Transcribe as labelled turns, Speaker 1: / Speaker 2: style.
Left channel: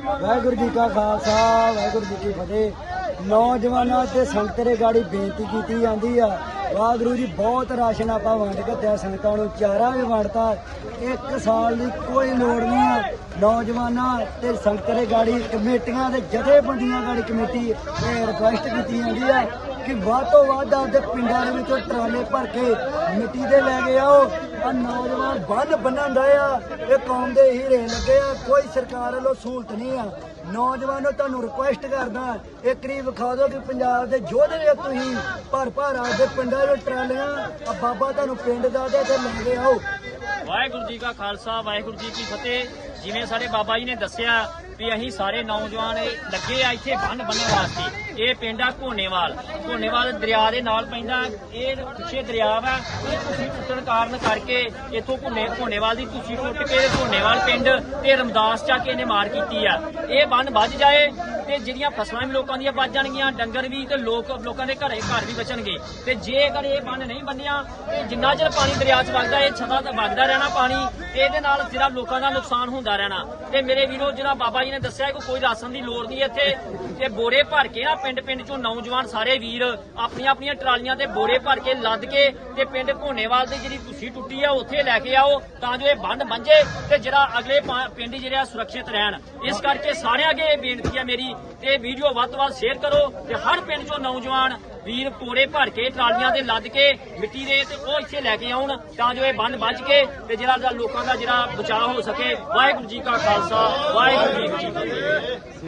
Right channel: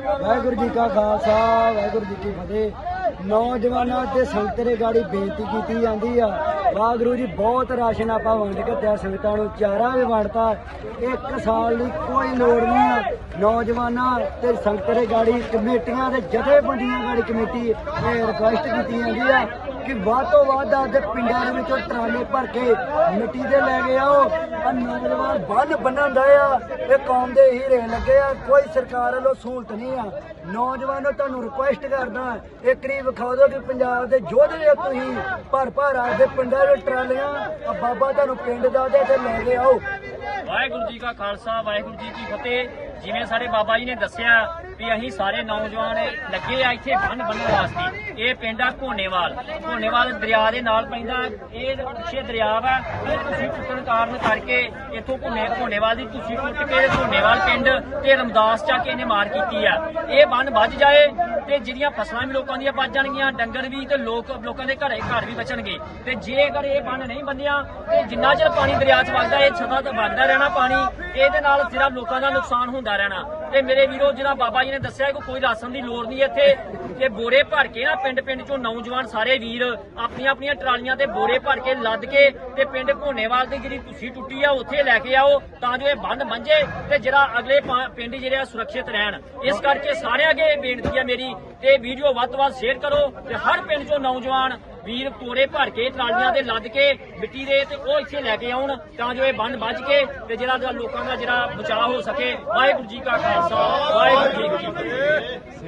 Speaker 1: ਵਾਹਿਗੁਰੂ ਜੀ ਕਾ ਖਾਲਸਾ, ਵਾਹਿਗੁਰੂ ਜੀ ਕੀ ਫਤਿਹ। ਨੌਜਵਾਨਾਂ ਤੇ ਸੰਗਤਰੇ ਗਾੜੀ ਬੇਨਤੀ ਕੀਤੀ ਜਾਂਦੀ ਆ। ਵਾਹਿਗੁਰੂ ਜੀ, ਬਹੁਤ ਰਾਸ਼ਨ ਆਪਾਂ ਵੰਡ ਕੇ ਦਿਆ ਸੰਗਤਾਂ ਨੂੰ ਚਾਰਾ ਵੀ ਵੰਡਤਾ। ਇੱਕ ਸਾਲ ਦੀ ਕੋਈ ਲੋੜ ਨਹੀਂ ਆ। ਨੌਜਵਾਨਾਂ ਤੇ ਸੰਗਤਰੇ ਗਾੜੀ ਕਮੇਟੀਆਂ ਦੇ ਜਥੇਬੰਦੀਆਂ ਗਾੜੀ ਕਮੇਟੀ, ਇਹ ਰਿਕੁਐਸਟ ਕੀਤੀ ਜਾਂਦੀ ਆ। ਕਿ ਵੱਧ ਤੋਂ ਵੱਧ ਆਪਦੇ ਪਿੰਡਾਂ ਦੇ ਵਿੱਚੋਂ ਟਰਾਲੇ ਭਰ ਕੇ ਮਿੱਟੀ ਦੇ ਲੈ ਕੇ ਆਓ। ਆ ਨੌਜਵਾਨ ਬੰਨ ਬੰਨਣ ਦਾ ਆ ਇਹ ਕੌਮ ਦੇ ਹੀਰੇ ਲੱਗੇ ਆ। ਕੋਈ ਸਰਕਾਰ ਵੱਲੋਂ ਸਹੂਲਤ ਨਹੀਂ ਆ। ਨੌਜਵਾਨੋ, ਤੁਹਾਨੂੰ ਰਿਕੁਐਸਟ ਕਰਦਾ, ਇੱਕ ਰੀ ਵਿਖਾ ਦਿਓ ਕਿ ਪੰਜਾਬ ਦੇ ਯੋਧੇ ਹੋ ਤੁਸੀਂ ਭਰ ਭਰ ਆਪਦੇ ਪਿੰਡਾਂ ਦੇ ਟਰਾਲੀਆਂ। ਆ ਬਾਬਾ ਤੁਹਾਨੂੰ ਪਿੰਡ ਦਾ ਤੇ ਲੈ ਕੇ ਆਓ।
Speaker 2: ਵਾਹਿਗੁਰੂ ਜੀ ਕਾ ਖਾਲਸਾ, ਵਾਹਿਗੁਰੂ ਜੀ ਕੀ ਫਤਿਹ। ਜਿਵੇਂ ਸਾਡੇ ਬਾਬਾ ਜੀ ਨੇ ਦੱਸਿਆ ਵੀ ਅਸੀਂ ਸਾਰੇ ਨੌਜਵਾਨ ਲੱਗੇ ਆ ਇੱਥੇ ਬੰਨ ਬੰਨਣ ਵਾਸਤੇ। ਇਹ ਪਿੰਡ ਆ ਘੋਨੇਵਾਲ। ਘੋਨੇਵਾਲ ਦਰਿਆ ਦੇ ਨਾਲ ਪੈਂਦਾ। ਇਹ ਪਿੱਛੇ ਦਰਿਆ ਵਾ। ਇਹ ਤੁਸੀਂ ਟੁੱਟਣ ਕਾਰਨ ਕਰਕੇ ਇੱਥੋਂ ਘੋਨੇ ਘੋਨੇਵਾਲ ਦੀ ਤੁਸੀਂ ਟੁੱਟ ਕੇ ਘੋਨੇਵਾਲ ਪਿੰਡ ਤੇ ਰਮਦਾਸ ਚੱਕ ਇਹਨੇ ਮਾਰ ਕੀਤੀ ਆ। ਇਹ ਬੰਨ ਵੱਜ ਜਾਏ ਤੇ ਜਿਹੜੀਆਂ ਫਸਲਾਂ ਵੀ ਲੋਕਾਂ ਦੀਆਂ ਵੱਜ ਜਾਣਗੀਆਂ, ਡੰਗਰ ਵੀ ਤੇ ਲੋਕ ਲੋਕਾਂ ਦੇ ਘਰੇ ਘਰ ਵੀ ਬਚਣਗੇ। ਤੇ ਜੇਕਰ ਇਹ ਬੰਨ ਨਹੀਂ ਬੰਨਿਆ, ਤੇ ਜਿੰਨਾ ਚਿਰ ਪਾਣੀ ਦਰਿਆ 'ਚ ਵਗਦਾ, ਇਹ ਛਤਾ ਤੇ ਵਗਦਾ ਰਹਿਣਾ ਪਾਣੀ, ਇਹਦੇ ਨਾਲ ਜਿਹੜਾ ਲੋਕਾਂ ਦਾ ਨੁਕਸਾਨ ਹੁੰਦਾ ਰਹਿਣਾ। ਤੇ ਮੇਰੇ ਵੀਰੋ, ਜਿਹੜਾ ਬਾਬਾ ਜੀ ਨੇ ਦੱਸਿਆ ਕਿ ਕੋਈ ਰਾਸ਼ਨ ਦੀ ਲੋੜ ਨਹੀਂ ਇੱਥੇ। ਤੇ ਬੋਰੇ ਭਰ ਕੇ ਨਾ ਪਿੰਡ ਪਿੰਡ ਚੋਂ ਨੌਜਵਾਨ ਸਾਰੇ ਵੀਰ ਆਪਣੀਆਂ ਆਪਣੀਆਂ ਟਰਾਲੀਆਂ ਤੇ ਬੋਰੇ ਭਰ ਕੇ ਲੱਦ ਕੇ ਤੇ ਪਿੰਡ ਭੋਨੇਵਾਲ ਦੀ ਜਿਹੜੀ ਕੁੱਸੀ ਟੁੱਟੀ ਆ, ਉੱਥੇ ਲੈ ਕੇ ਆਓ ਤਾਂ ਜੋ ਇਹ ਬੰਦ ਬੰਝੇ ਤੇ ਜਿਹੜਾ ਅਗਲੇ ਪਿੰਡ ਜਿਹੜੇ ਆ ਸੁਰੱਖਿਅਤ ਰਹਿਣ। ਇਸ ਕਰਕੇ ਸਾਰਿਆਂ ਅੱਗੇ ਇਹ ਬੇਨਤੀ ਆ ਮੇਰੀ, ਤੇ ਵੀਡੀਓ ਵੱਧ ਤੋਂ ਵੱਧ ਸ਼ੇਅਰ ਕਰੋ ਤੇ ਹਰ ਪਿੰਡ ਚੋਂ ਨੌਜਵਾਨ ਵੀਰ ਕੋਰੇ ਭਰ ਕੇ ਟਰਾਲੀਆਂ ਦੇ ਲੱਦ ਕੇ ਮਿੱਟੀ ਦੇ ਤੇ ਉਹ ਇੱਥੇ ਲੈ ਕੇ ਆਉਣ ਤਾਂ ਜੋ ਇਹ ਬੰਦ ਵੱਜ ਕੇ ਤੇ ਜਿਹੜਾ ਜਿਹੜਾ ਲੋਕਾਂ ਦਾ ਜਿਹੜਾ ਬਚਾਅ ਹੋ ਸਕੇ। ਵਾਹਿਗੁਰੂ ਜੀ ਕਾ ਖਾਲਸਾ, ਵਾਹਿਗੁਰੂ ਜੀ ਕੀ ਫਤਿਹ।